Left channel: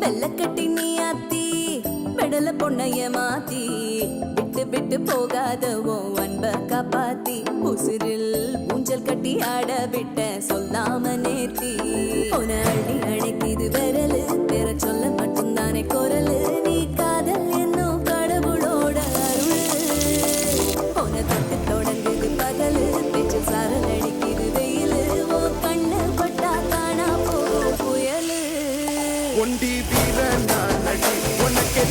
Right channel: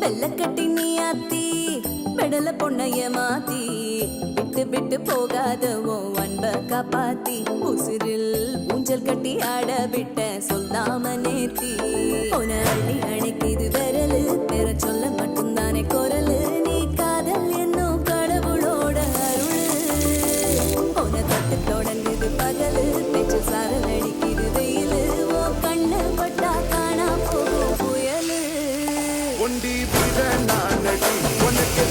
வெள்ளக்கட்டி நீ ஆத்தி பெடல பொண்ணைய மாத்தி விட்டு விட்டு போகாத உன் அன்ப காப்பாத்தி உசிரில் ஊஞ்சல் கட்டி ஆட விட்ட சொல்லாம நேத்தி உன அள்ளி அணைக்குது விரலு பெற சொல்ல மட்டும்தானே குரலு நீ காதல் என்னும் கடவுளோட அருளு உன தொட்டு தொடங்குது பகலு பேச்சு சாரல் அடிக்குது வெயிலு ஓ கண்ணு பட்டா காணா போகும் புயலு ஒண்டி வீரா நான் உனக்கு